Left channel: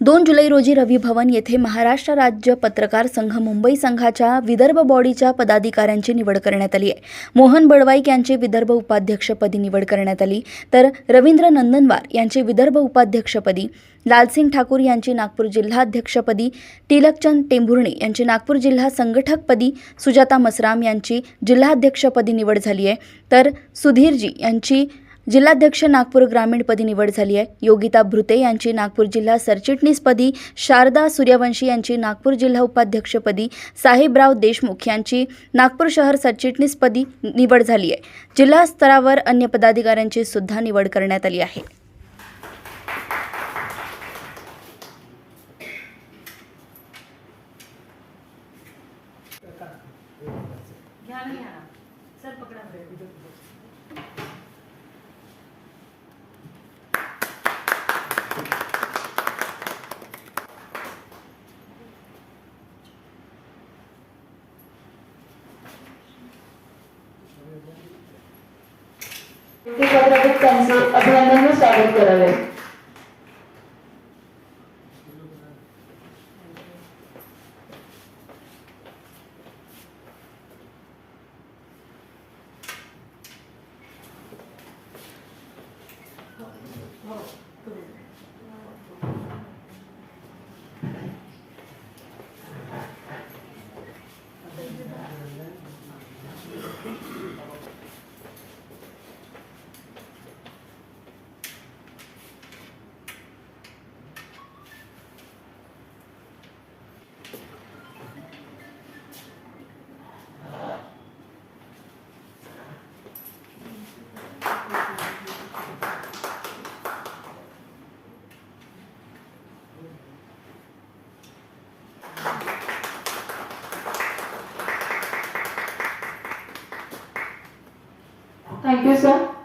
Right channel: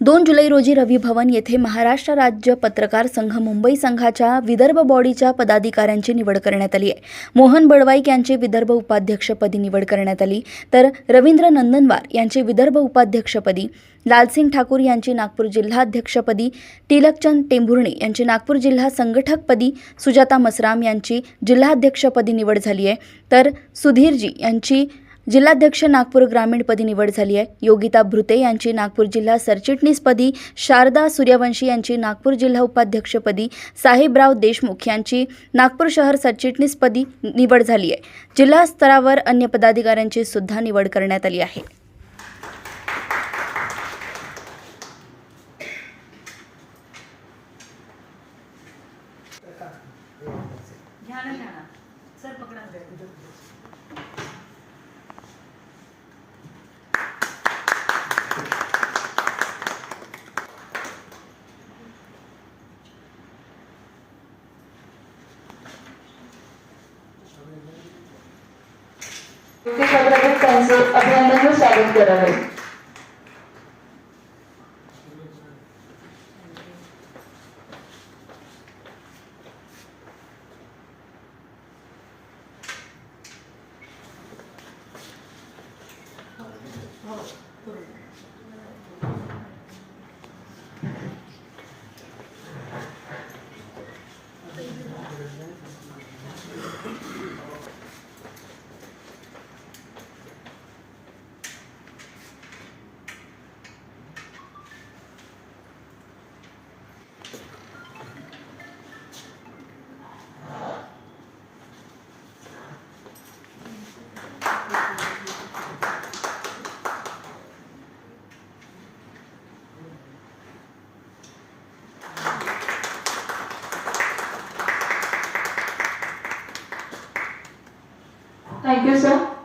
दोन जुलै रोजी रवी भवन येथे महाराष्ट्र राज्य पत्रकार संघ मुंबई संघाच्या विदर्भ बॉडीच्या पदाधिकाऱ्यांची निवड करण्यात आली आहे. मोहन बडवाईक यांची विदर्भ उपाध्यक्षपदी निवड करण्यात आली. तर रवींद्र नंदनवार यांची विदर्भ उपाध्यक्षपदी लालसिंग ठाकूर यांची नागपूर जिल्हाध्यक्षपदी तिलकचंद टेंभुर्णे यांची नागपूर जिल्हा संघटकपदी सुजाता मसराम यांची जिल्हाध्यक्षपदी निवड झाली आहे. तर सुधीरजी यांची जिल्हाध्यक्ष नागपूर ग्रामीणपदी निवड झाली आहे. योगिता भृते यांची नागपूर जिल्हा सरचिटणीसपदी शारदा सूर्यवंशी यांची नागपूर जिल्हा उपाध्यक्षपदी साहेबराव देशमुख यांची नागपूर शहर सरचिटणीसपदी निवड झाली आहे. जिल्हा स्तरावर अन्य पदाधिकाऱ्यांची सुद्धा निवड करण्यात आली आहे. ते पत्रकार त्यांचे अभिनंदन स्वागत करावे Thank you, sir.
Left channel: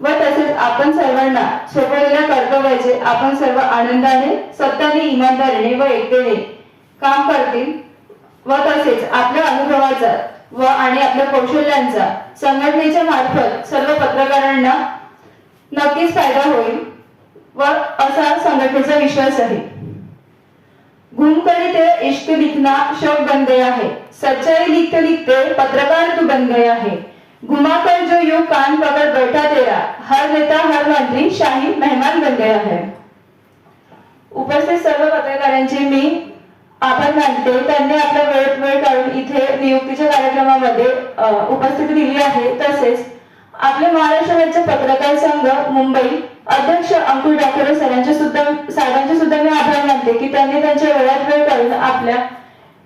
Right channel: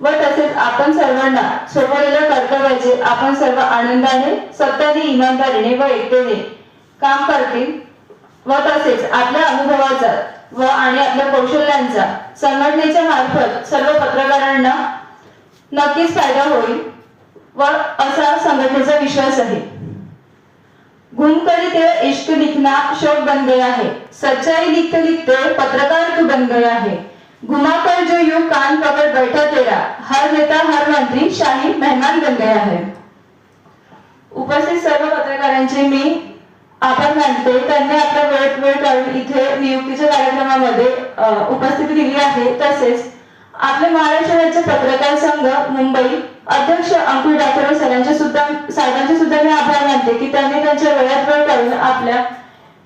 व तसेच आपण सर्वांना सोपवलेल्या कर्तव्याचे आपण सर्व आनंदाने सत्याने इमानदारीने व एकतेने काम करतील. व तसेच आपल्या अनुभवाचा व आणि आपल्या कौशल्यांचा संघटनेच्या मार्फत सर्व पत्रकारांना नक्कीच फायदा होईल व असा संघटनेचा विश्वास आहे. गुण करते इश्क लिखना शोक बन गया है सच्चाई लिखते लिखते पत्रकार तू बन गया है. घुमा कर जो यू कान पकड़ बैठा तेरा हर नेता हर मंत्री शाही मेहमान बन गया है। उपस्थित सर्व पत्रकारांचे मी आपण मानते त्यांनी आपल्या वेळेत वेळ काढून इथे नियुक्तीच्या कार्यक्रमामध्ये उपस्थिती दिली आहे. तसेच आपले महाराष्ट्र राज्य पत्रकार संघ मुंबई अध्यक्ष अंकुर डाकोरे सरांचे सुद्धा साहेबांचे सुद्धा मी आभार मानते की त्यांनी त्यांच्या वेळात वेळ काढून आपल्या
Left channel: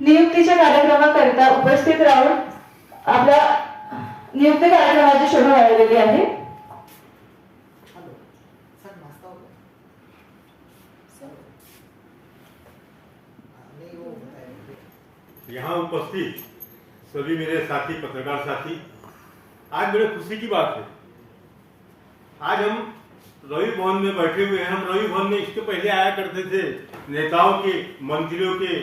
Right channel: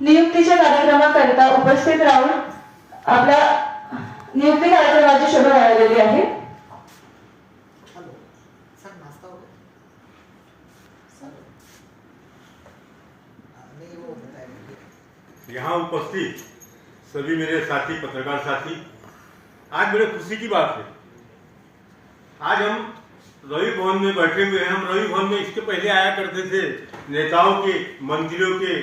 नियुक्तीच्या कार्यक्रमाकरिता उपस्थित राहून आपल्या यहाँ उपस्थित सभी मेरे साथी, पत्रकार साथी, आज बड़े खुशी की बात है। आज हम रवि भवन में बैठे हुए हैं। हम रवि भवन में इसके पहले आया करते थे नेताओं के, मंत्रियों के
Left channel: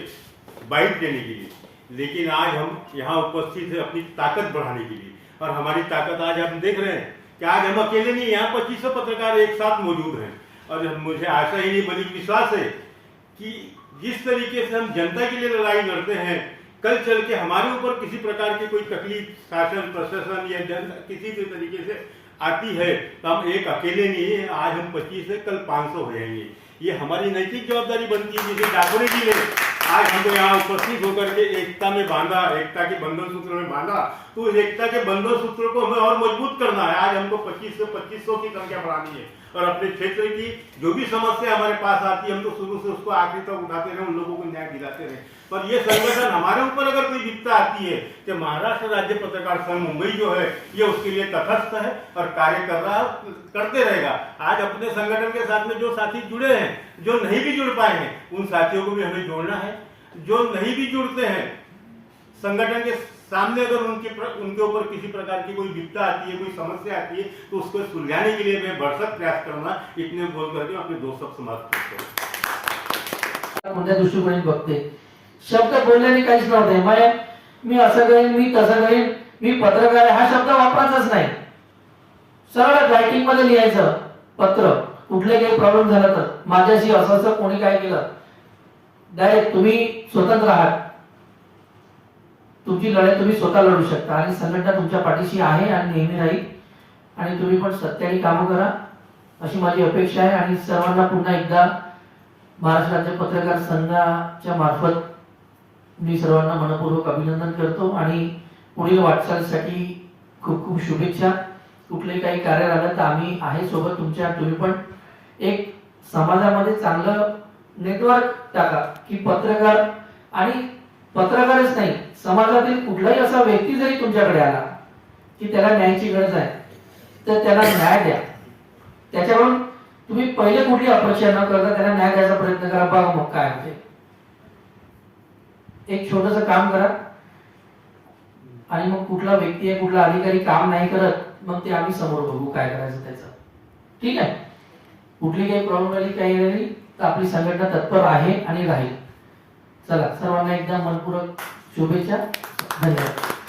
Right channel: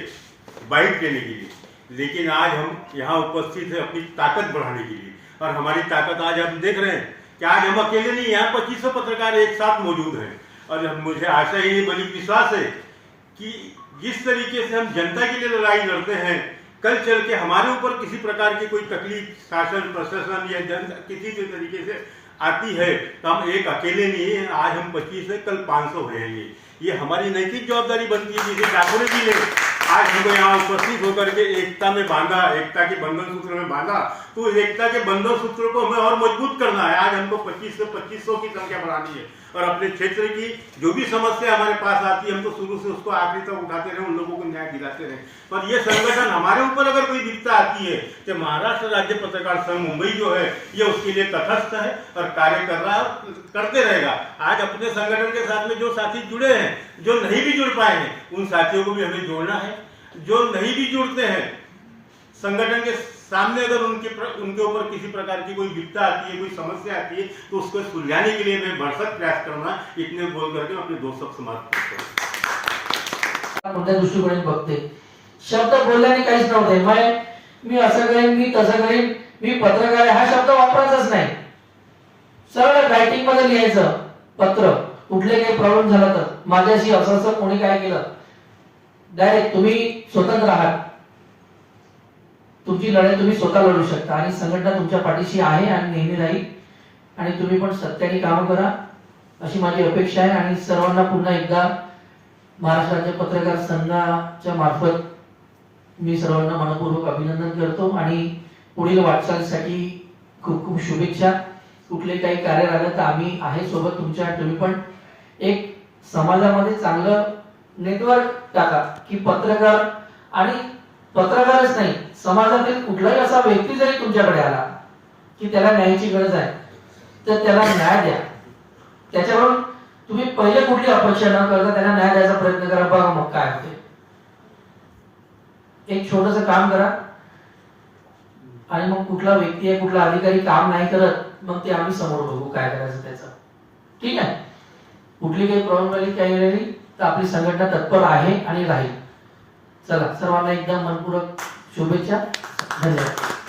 बाइट देने के लिए। लेकिन आज हम यहाँ उपस्थित है अपनी ताकत बढ़ाने के लिए। और हमारी ताकत आज हम देख रहे हैं कि आज हम अकेले नहीं, यहाँ पच्चीस पत्रकार एक साथ मौजूद हैं। और मुझे आशा ही नहीं बल्कि विश्वास है कि जिस तरीके से हम जनता के लिए लड़ाई लड़ते हैं, कल चल के हमारे ऊपर किसी प्रकार की कोई तकलीफ़, शासन, प्रशासन या जनता किसी भी तरीके से आती है तो हम एक अकेले नहीं है। आज हम पच्चीस है, कल पाँच सौ हो जाएँगे। ये हमारी नैतिक जवाबदारी बनती है, जिसे डाकुरे जी ने आज हमको यहाँ उपस्थित होकर के एकता में बांधा, एकता के बंधन सूत्र में बांधा। तो उस एकता के बंधन सूत्र को हमें और मज़बूत करना है। आज हमको 25 से 2500 की संख्या बढ़ानी है। और अपने क्षेत्र की जो भी समस्या हमारे पास आती है, हम तो शुरू से उसको आखिरी तक उठाते रहे, उन लोगों को न्याय दिलाते रहे। पर ये संगठन हमारे ऊपर अगर कोई दिक्कत आती है, कि महाराष्ट्र राज्य पत्रकार संघ मुंबई जो है, ये उसके लिए तटस्थ है और कार्य कर रहा, करते रहेगा। आज अपने संगठन के साथ में जो साथी जुड़े हैं, जो नहीं भी जुड़ पाए हैं, उन साथियों को भी हमें जोड़ना है। जो नहीं भी जुड़ते हैं संगठन के सामने अगर उनके प्र, उनके ऊपर किसी प्रकार की कोई विपदा आती है कोई समस्या आती है तो उसको सुलझाने के लिए मैं भरसक प्रयास करूंगा। इतने बोल करके अपने दो शब्द समाप्त करता कोणत्या दृष्टिकोनाने बघते. शब्द बोलल्याने काहीच नव्हते. मग मी असं करेन मी तसं करेन मी पत्रकार आहे. हा शब्द वापरायचाच नाही. सरळ रायटिंगमध्ये लिहायचं. पत्र. कुठले काही प्रॉब्लेम झाला तर. माझ्याशी असं असं कोणी काय केलं? डायरेक्ट तुम्ही स्वतंत्र आहात. तुमची लढाई तुम्ही स्वतः लढू शकता आणि संघटना तुमच्या पाठीशी आहे आणि नेहमी राहील. आणि तुम्ही पण सत्याने कामं करा. अशी माझी अपेक्षा आहे आणि सर्वांना पुन्हा एकदा महाराष्ट्र राज्य पत्रकार संघाच्या मार्फत मी सर्वांना मनपूर्वक अभिनंदन करतो आणि पुढील वाटचालीसाठी खूप खूप शुभेच्छा. कुठले काही कार्य राहिलं तर आम्ही आहे सोबत तुमच्या तुम्ही पण एक समाजामध्ये चांगलं नेटवर्क टाका की पत्रकार आणि पत्रकारच नाही समाजातील कुठलाही असा व्यक्ती जरी तुमच्याकडे आला की त्याला न्यायाची गरज आहे तर त्याला न्याय द्या. त्याच्याकडून तुम्ही पहिले कुठली अपेक्षा न करता त्याला न्याय द्यायचा प्रयत्न करा बघा मग काय होते एक छोटस काम करा. आणि मग कुठला व्यक्ती आहे कुठला अधिकारी काम नाही करत मग ते आम्ही समोर बघू काय करायचं त्याचं. ठीक आहे? कुठली काही प्रॉब्लेम राहिली काही राहिली? तर आपली संघटना तत्पर आहे आणि राहील. चला सर्वांना एकदा मनपूर्वक शुभेच्छा. धन्यवाद.